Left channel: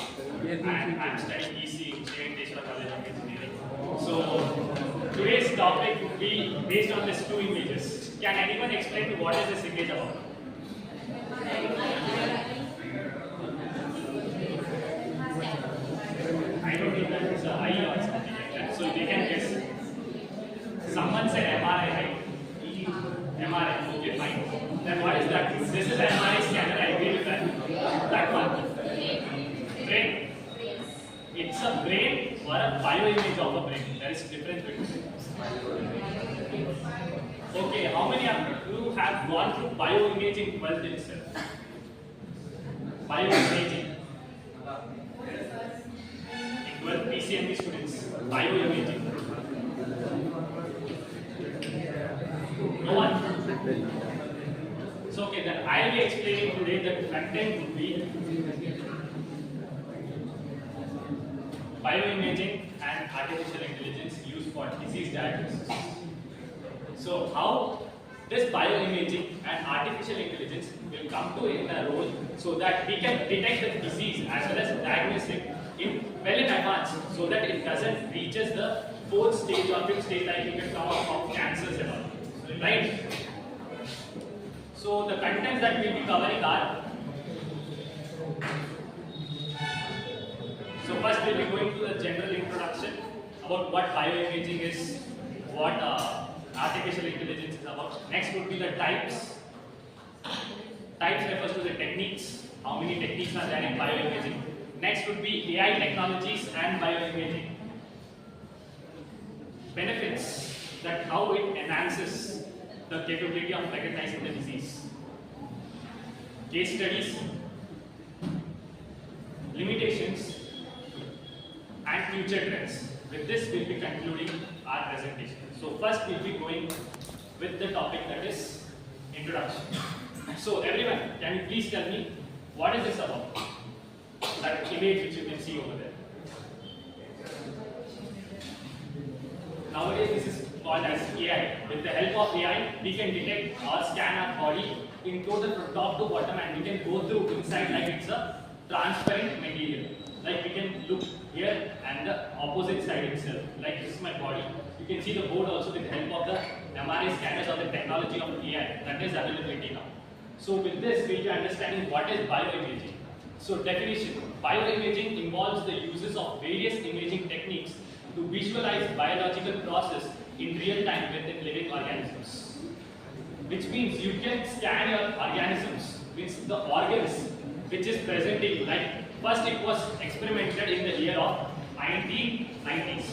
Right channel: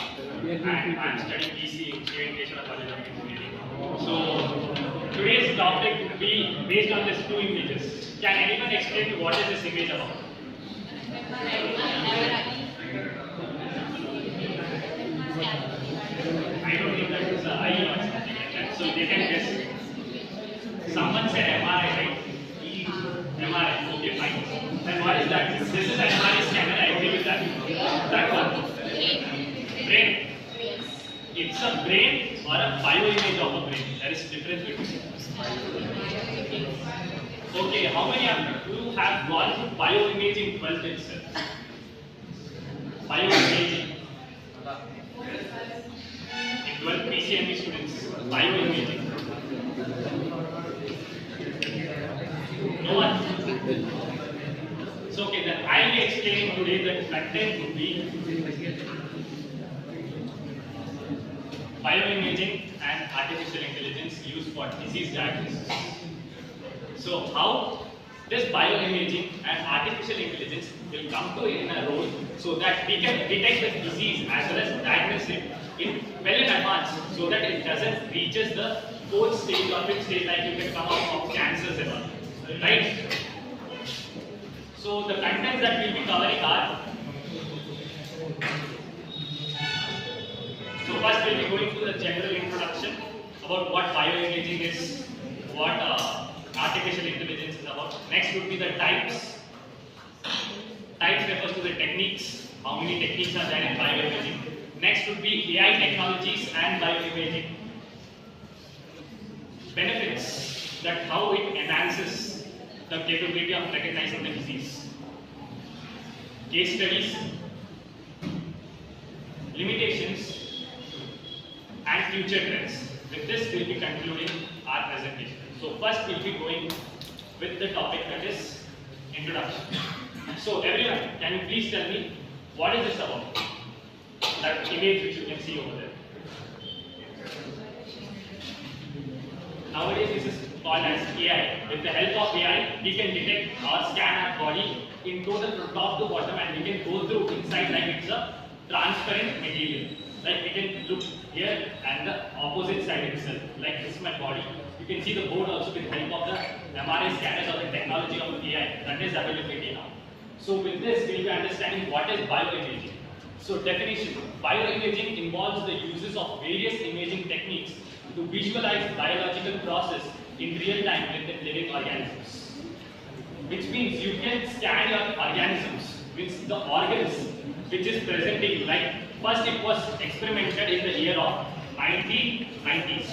and I'm studying BC Implementation College of Engineering. So today's topic will be based on these two images. Can anyone explain what is this image about? I don't think that is an eye or something like that. So they can guess. Someone said MRI, right? MRI, okay, fine. Then what is that? This is MRI scanner, I agree with that. That one. Brain. It's a brain or a bioimage of a brain. There is difference between. Okay, how many of you have gone through bioimaging 12th itself? Bioimaging. In 12 PCMB students, bioimaging. No one? So okay, then I will be explaining today that content would be bioimaging and artificial intelligence used for disease diagnosis. So how this bioimaging and artificial intelligence will come to in a role so that we can detect the disease as well as diagnose it well in advance so that it doesn't reaches the fourth stage or fifth stage like you can come out of cancers and all. Right? So the contents that we will be covering are, so first we will be going through the general introduction about what bioimaging is, what artificial intelligence is about. Next would be the types. Types refers to the techniques, how many techniques are there in bioimaging. Next would be AI technologies and bioimaging. Benefits, that how it enhances the capability of recognizing the disease. Case studies, limitations, and future trends. With this, we will be concluding our presentation. So first, we will be going with the topic that is introduction. So everyone, can you please tell me what is this about? That image which you can see over there. Nowadays, this is called as AI. With the help of AI, we can detect or scan our body in total from top to bottom, and we can go through inside like it's a transparent material. Like we can look here and the opposite side itself. Like this is my body. You can see the board also with the help of the MRI scanners or the technology of AI that is availability now. So with this, we will be understanding what is bioimaging. So definition: bioimaging involves the uses of various imaging techniques to visualize biological process in real time with the living organisms. Which means you can scan your organisms, with the organs which is present in you. Like first it was experimented in the year of 1990s.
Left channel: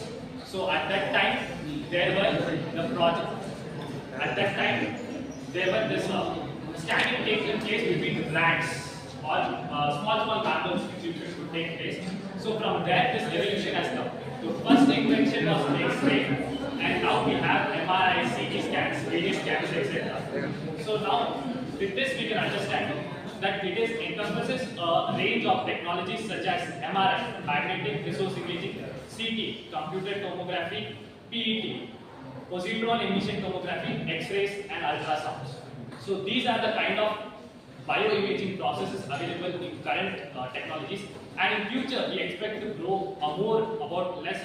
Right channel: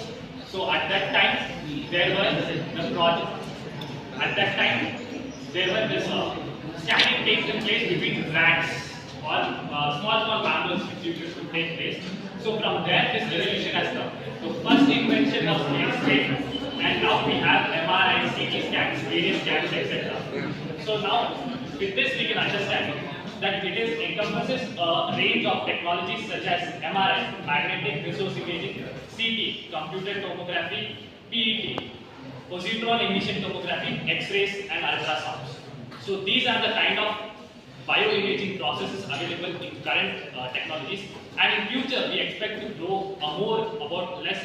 So at that time there was the project. At that time there was this scanning taking place between rats or small mammals which used to take place. So from there this revolution has come. The first invention was X-ray, and now we have MRI, CT scans, various scans, etc. So now with this we can understand that it encompasses a range of technologies such as MRI, magnetic resonance imaging, CT, computed tomography, PET, positron emission tomography, X-rays and ultrasounds. So these are the kind of bioimaging processes available in current technologies, and in future we expect to grow more about less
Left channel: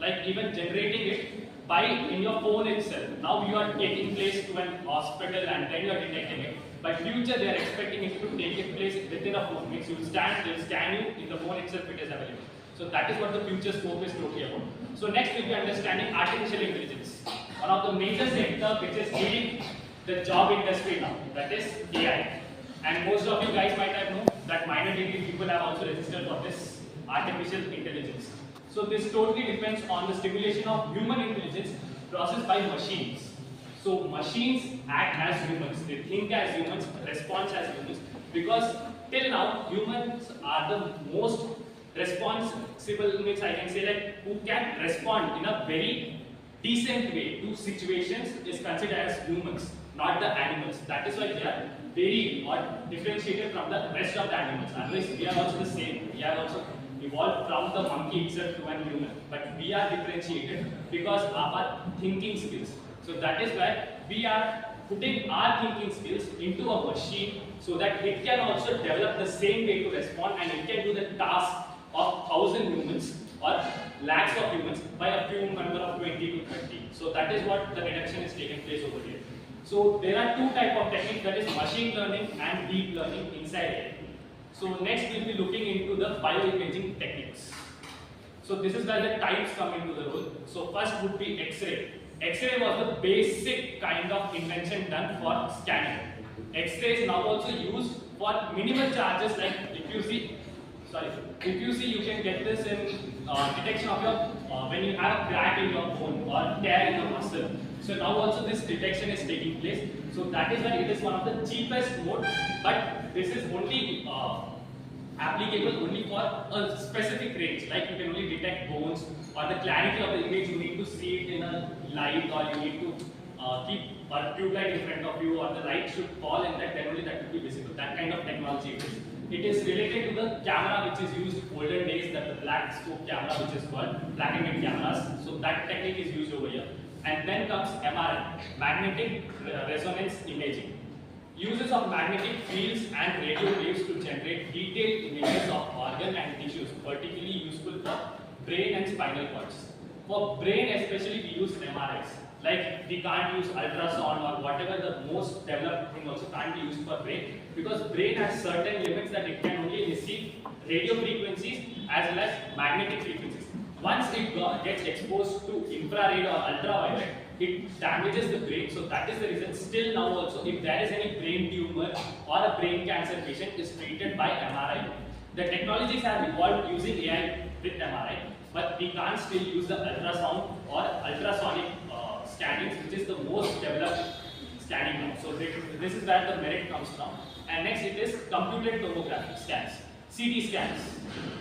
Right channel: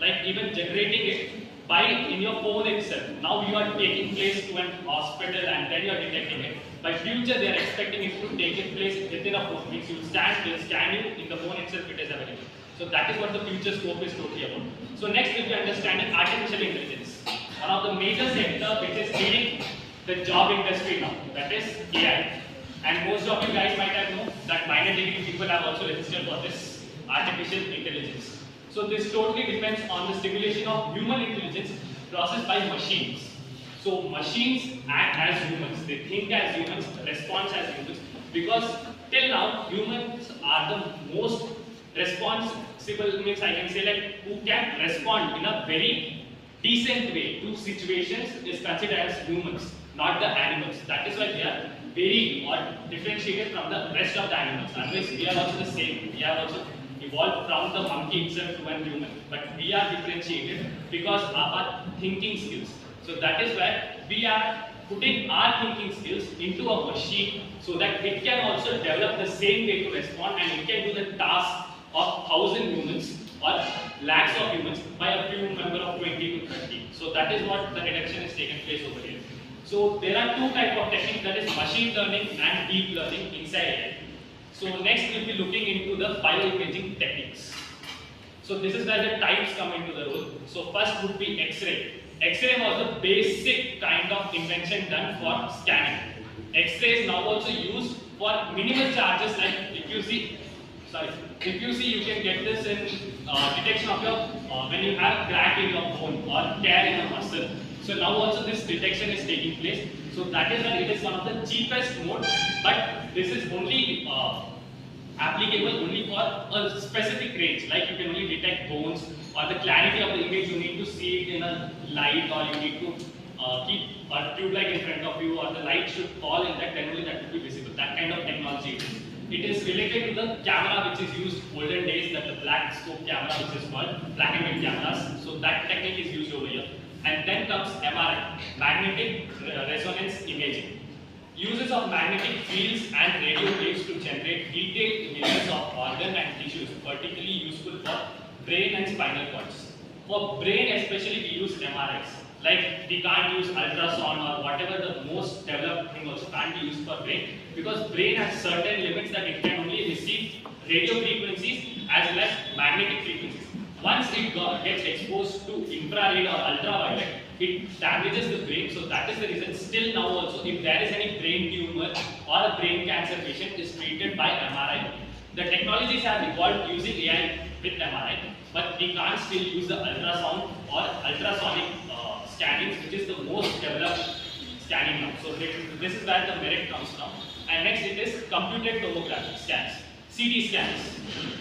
like even generating it by in your phone itself. Now you are taking place to an hospital and then you are detecting it. By future they are expecting it to take it place within a phone, which you stand, they'll scan you in the phone itself, it is available. So that is what the future scope is totally about. So next we'll be understanding artificial intelligence, one of the major sector which is leading the job industry now, that is AI. And most of you guys might have known that minor degree people have also registered for this artificial intelligence. So this totally depends on the stimulation of human intelligence processed by machines. So machines act as humans, they think as humans, respond as humans, because till now humans are the most responsible, means I can say like who can respond in a very decent way to situations is considered as humans, not the animals. That is why they are very or differentiated from the rest of the animals. Otherwise, we are also the same. We have also evolved from the monkey itself to a human. But we are differentiated because of our thinking skills. So that is why we are putting our thinking skills into a machine so that it can also develop the same way to respond and it can do the task of 1,000 humans or lakhs of humans by a few number of 20 to 30. So that is what the reduction is taking place over here. So there are two types of techniques, that is machine learning and deep learning inside AI. So next we'll be looking into the bioimaging techniques. So this is where the types come into the role. So first would be X-ray. X-ray was the basic kind of invention done for scanning. X-ray is now also used for minimal charges, like if you see, you can get this in detection of your when you have crack in your bone or tear in your muscle. So now also this detection is taking place. So that is why it is one of the cheapest mode, but this is only applicable only for a specific range, like you can only detect bones, or the clarity of the image you need to see it in a light, or you need to keep a tube light in front of you, or the light should fall in that, then only that will be visible. That kind of technology it is. It is related to the camera which is used olden days, that the black scope camera which is called black and white cameras. So that technique is used over here. And then comes MRI, magnetic resonance imaging. Uses of magnetic fields and radio waves to generate detailed images of organ and tissues, particularly useful for brain and spinal cords. For brain especially, we use MRIs. Like we can't use ultrasound or whatever the most developed thing also can't be used for brain, because brain has certain limits that it can only receive radio frequencies as well as magnetic frequencies. Once it gets exposed to infrared or ultraviolet, it damages the brain. So that is the reason still now also, if there is any brain tumor or a brain cancer patient is treated by MRI. The technologies have evolved using AI with MRI, but we can't still use the ultrasound or ultrasonic scannings, which is the most developed scanning now. So this is where the merit comes from. And next it is computed tomography scans, CT scans,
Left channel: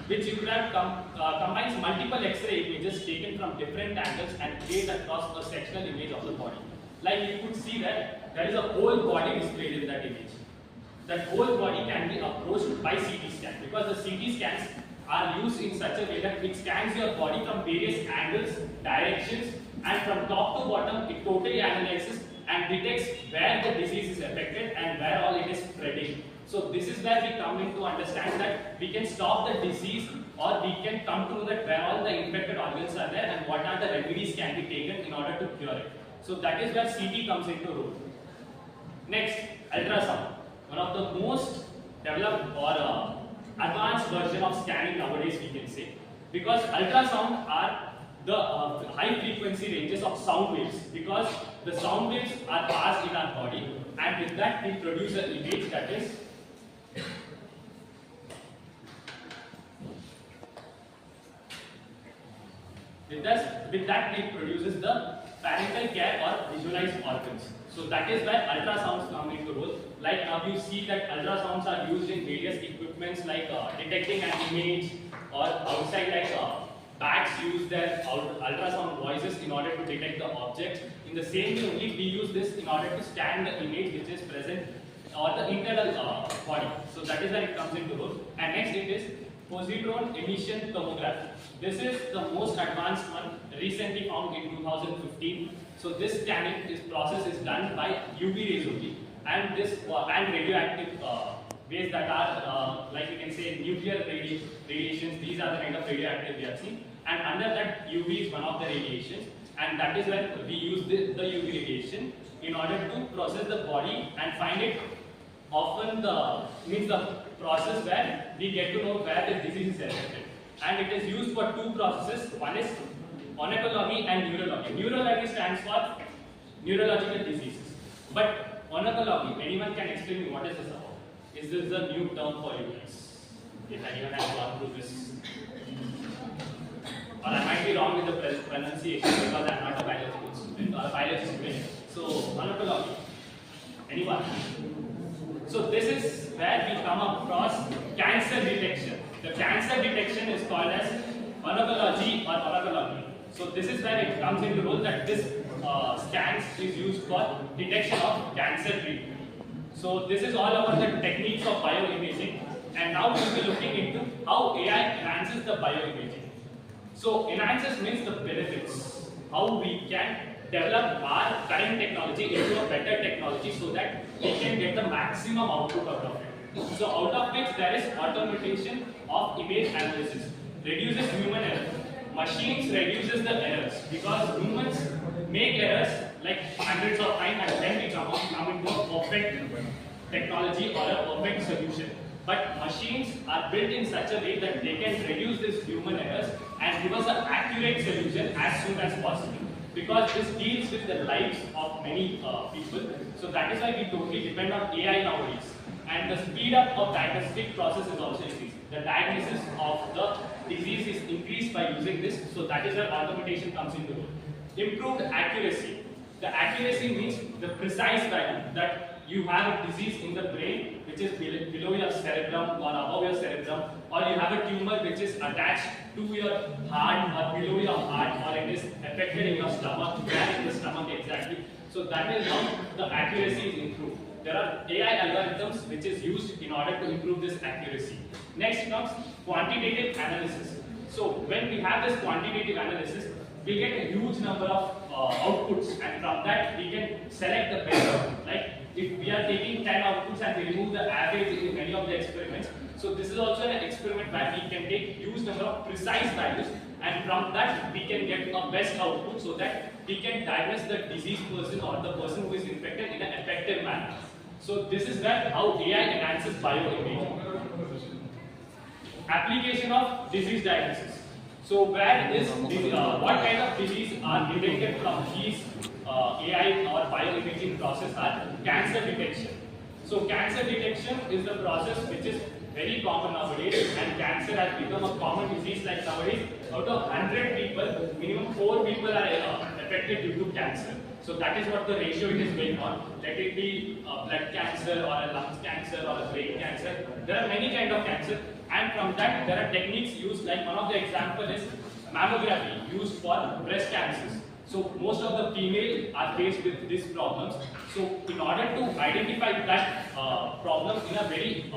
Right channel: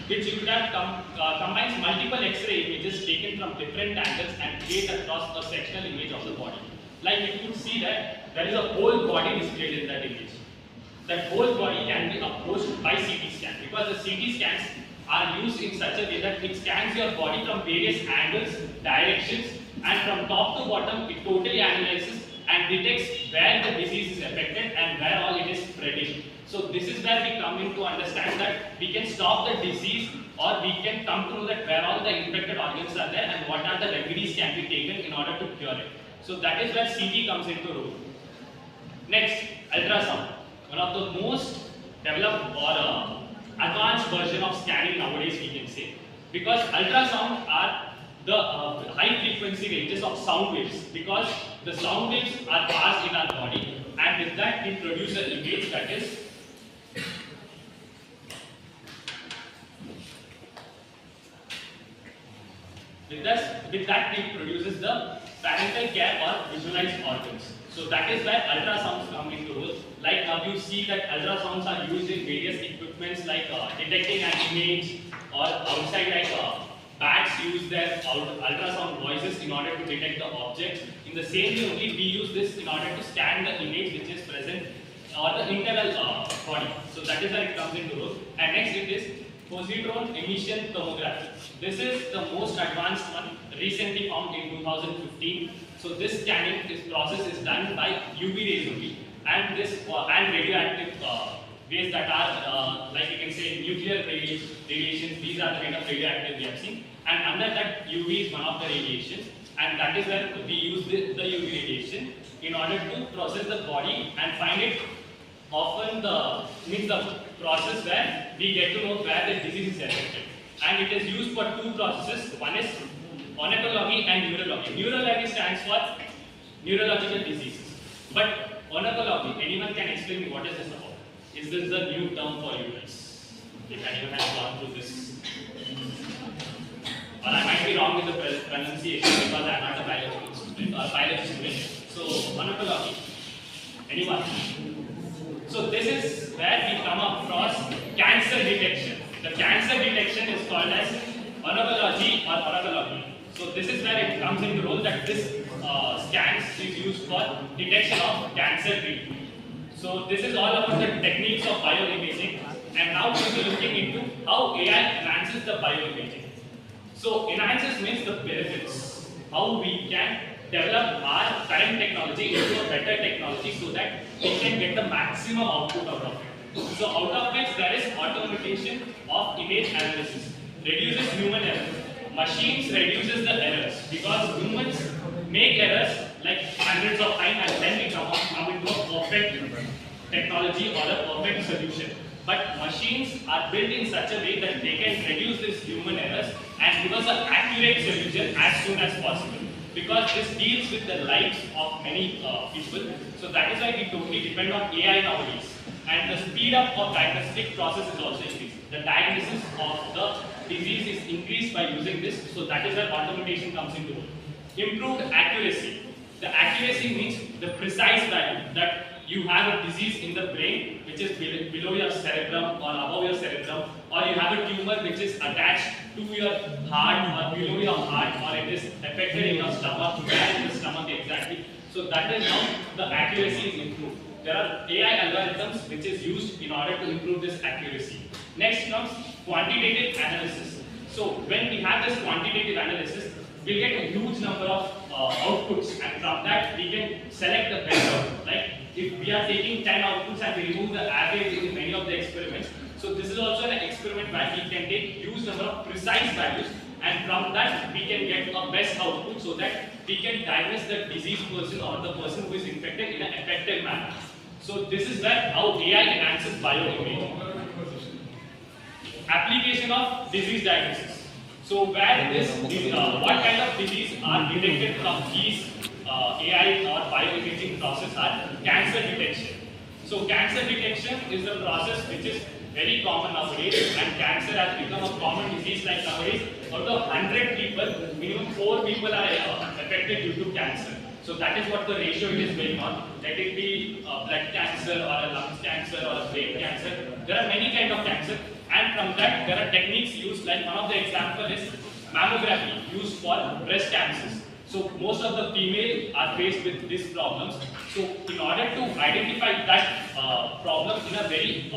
which you could have combines multiple X-ray images taken from different angles and create across a sectional image of the body. Like you could see that there is a whole body displayed in that image. That whole body can be approached by CT scan, because the CT scans are used in such a way that it scans your body from various angles, directions, and from top to bottom it totally analyzes and detects where the disease is affected and where all it is spreading. So this is where we come in to understand that we can stop the disease, or we can come to know that where all the infected organs are there and what are the remedies can be taken in order to cure it. So that is where CT comes into role. Next, ultrasound. One of the most developed or advanced version of scanning nowadays, we can say, because ultrasound are the high frequency ranges of sound waves, because the sound waves are passed in our body, and with that we produce an image that is with that it produces the parental care or visualized organs. So that is where ultrasounds come into role. Like now you see that ultrasounds are used in various equipments, like detecting an image, or outside, like bats use their ultrasound voices in order to detect the objects. In the same way only we use this in order to scan the image which is present, or the internal body. So that is where it comes into role. And next it is positron emission tomography. This is the most advanced one, recently found in 2015. So this scanning, this process is done by UV rays only, and this and radioactive ways that are like you can say nuclear radiations. These are the kind of radioactive we have seen, and under that UV is one of the radiations, and that is where we use the UV radiation in order to process the body and find it. Often the process where we get to know where the disease is affected, and it is used for two processes. One is oncology and neurology. Neurology stands for neurological diseases, but oncology, anyone can explain me what is this about? Is this a new term for you guys? If anyone has gone through this, or I might be wrong with the pronunciation because I am not a biology student or a biology student. So oncology, anyone? So this is where we come across cancer detection. The cancer detection is called as oncology or oncology. So this is where it comes into role, that this scans is used for detection of cancer treatment. So this is all about the techniques of bioimaging, and now we will be looking into how AI enhances the bioimaging. So enhances means the benefits, how we can develop our current technology into a better technology so that we can get the maximum output out of it. So out of which there is automation of image analysis. reduces human errors. Machines reduces the errors because humans make errors like hundreds of times and then we come into a perfect technology or a perfect solution. But machines are built in such a way that they can reduce these human errors and give us an accurate solution as soon as possible. Because this deals with the lives of many people. So that is why we totally depend on AI nowadays. And the speed up of diagnostic process is also increased. The diagnosis of the disease is increased by using this. So that is where automation comes into role. Improved accuracy. The accuracy means the precise value that you have a disease in the brain which is below your cerebrum or above your cerebrum, or you have a tumor which is attached to your heart or below your heart, or it is affected in your stomach, where in the stomach exactly. So that is how the accuracy is improved. There are AI algorithms which is used in order to improve this accuracy. Next comes quantitative analysis. So when we have this quantitative analysis, we'll get a huge number of outputs, and from that we can select the best output. Like if we are taking 10 outputs and we remove the average in many of the experiments, so this is also an experiment where we can take huge number of precise values, and from that we can get a best output so that we can diagnose the diseased person or the person who is infected in an effective manner. So this is where how AI enhances bioimaging. Application of disease diagnosis. So where what kind of disease are detected from these AI or bioimaging process are cancer detection. So cancer detection is the process which is very common nowadays, and cancer has become a common disease. Like nowadays, out of 100 people, minimum 4 people are affected due to cancer. So that is what the ratio it is going on. Let it be blood cancer or a lung cancer or a brain cancer. There are many kinds of cancer, and from that there are techniques used. Like one of the example is mammography used for breast cancers. So most of the female are faced with these problems. So in order to identify that problem in a very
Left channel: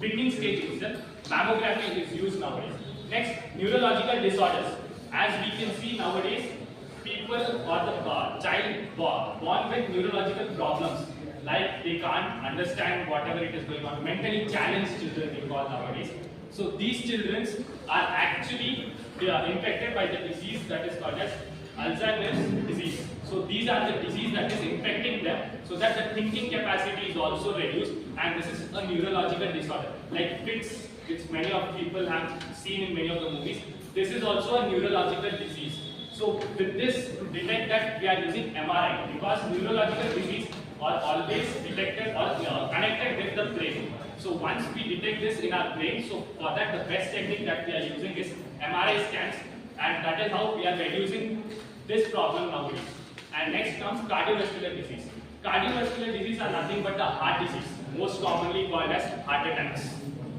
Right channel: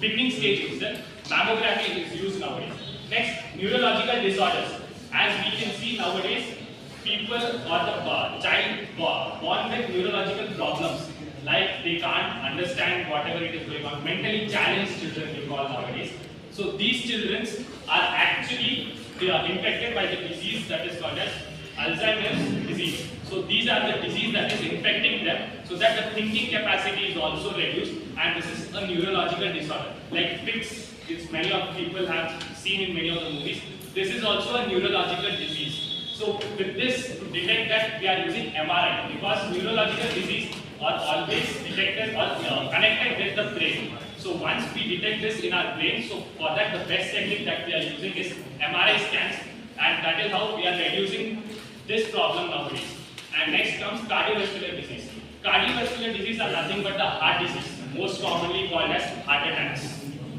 beginning stage itself, mammography is used nowadays. Next, neurological disorders. As we can see nowadays, people or the child born with neurological problems, like they can't understand whatever it is going on. Mentally challenged children we call nowadays. So these children are actually infected by the disease that is called as Alzheimer's disease. So these are the disease that is infecting them, so that the thinking capacity is also reduced, and this is a neurological disorder. Like fits, it's many of people have seen in many of the movies. This is also a neurological disease. So with this, to detect that, we are using MRI, because neurological disease are always detected or connected with the brain. So once we detect this in our brain, so for that the best technique that we are using is MRI scans, and that is how we are reducing this problem nowadays. And next comes cardiovascular disease. Cardiovascular disease are nothing but the heart disease, most commonly called as heart attacks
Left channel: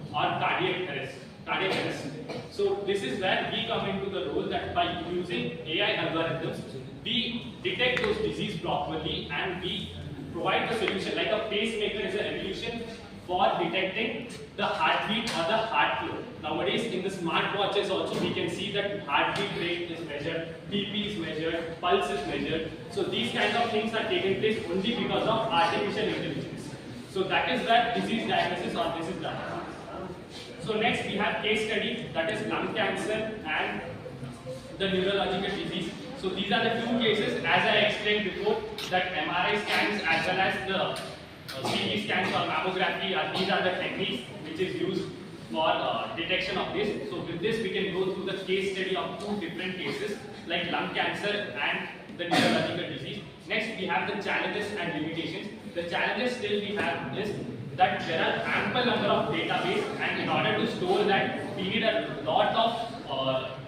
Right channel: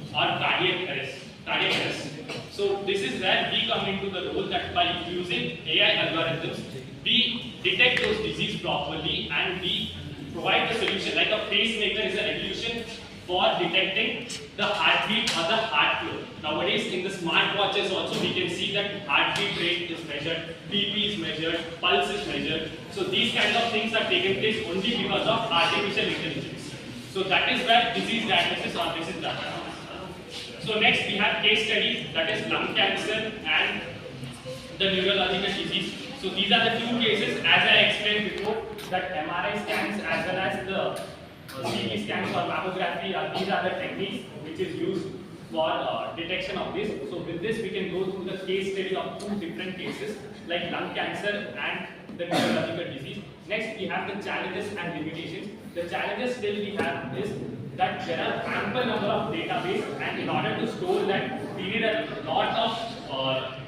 or cardiac arrest. So this is where we come into the role, that by using AI algorithms, we detect those diseases properly and we provide the solution. Like a pacemaker is an evolution for detecting the heartbeat or the heart flow. Nowadays in the smartwatches also we can see that heartbeat rate is measured, BP is measured, pulse is measured. So these kind of things are taken place only because of artificial intelligence. So that is where disease diagnosis or this is done. So next we have case study, that is lung cancer and the neurological disease. So these are the two cases, as I explained before, that MRI scans as well as the CT scans or mammography these are the techniques which is used for detection of this. So with this we can go through the case study of two different cases like lung cancer and the neurological disease. Next we have the challenges and limitations. The challenges still we have is that there are ample number of database, and in order to store that we need a lot of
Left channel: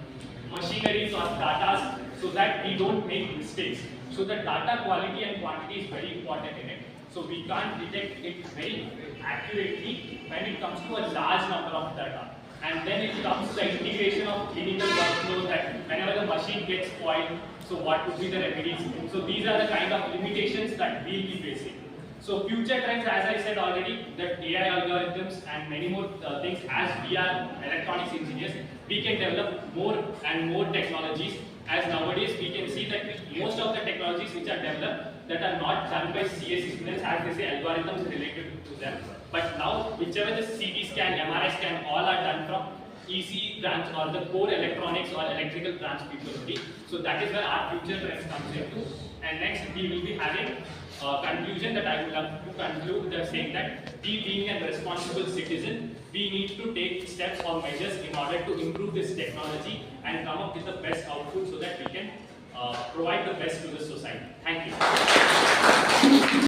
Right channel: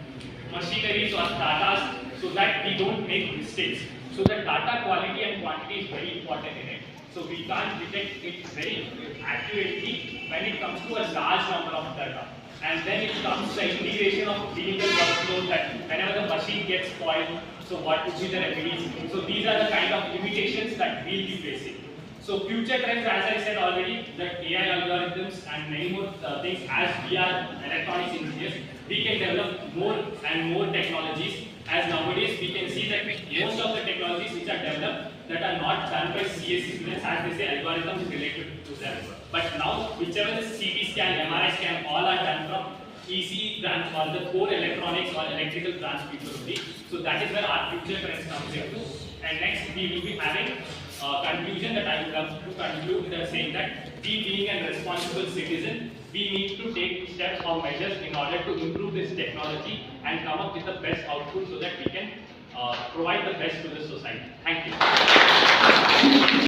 machineries or data so that we don't make mistakes. So the data quality and quantity is very important in it. So we can't detect it very accurately when it comes to a large number of data. And then it comes the integration of clinical workflow, that whenever the machine gets spoiled, so what would be the remedies. So these are the kind of limitations that we'll be facing. So future trends, as I said already, that AI algorithms and many more things, as we are electronics engineers, we can develop more and more technologies. As nowadays we can see that most of the technologies which are developed that are not done by CSE students, as they say, algorithms related to them. But now whichever the CT scan, MRI scan, all are done from EC branch or the core electronics or electrical branch people only. So that is where our future trends comes into. And next we will be having a conclusion that I would love to conclude with saying that we being a responsible citizen, we need to take steps or measures in order to improve this technology and come up with the best output so that we can provide the best to the society. Thank you.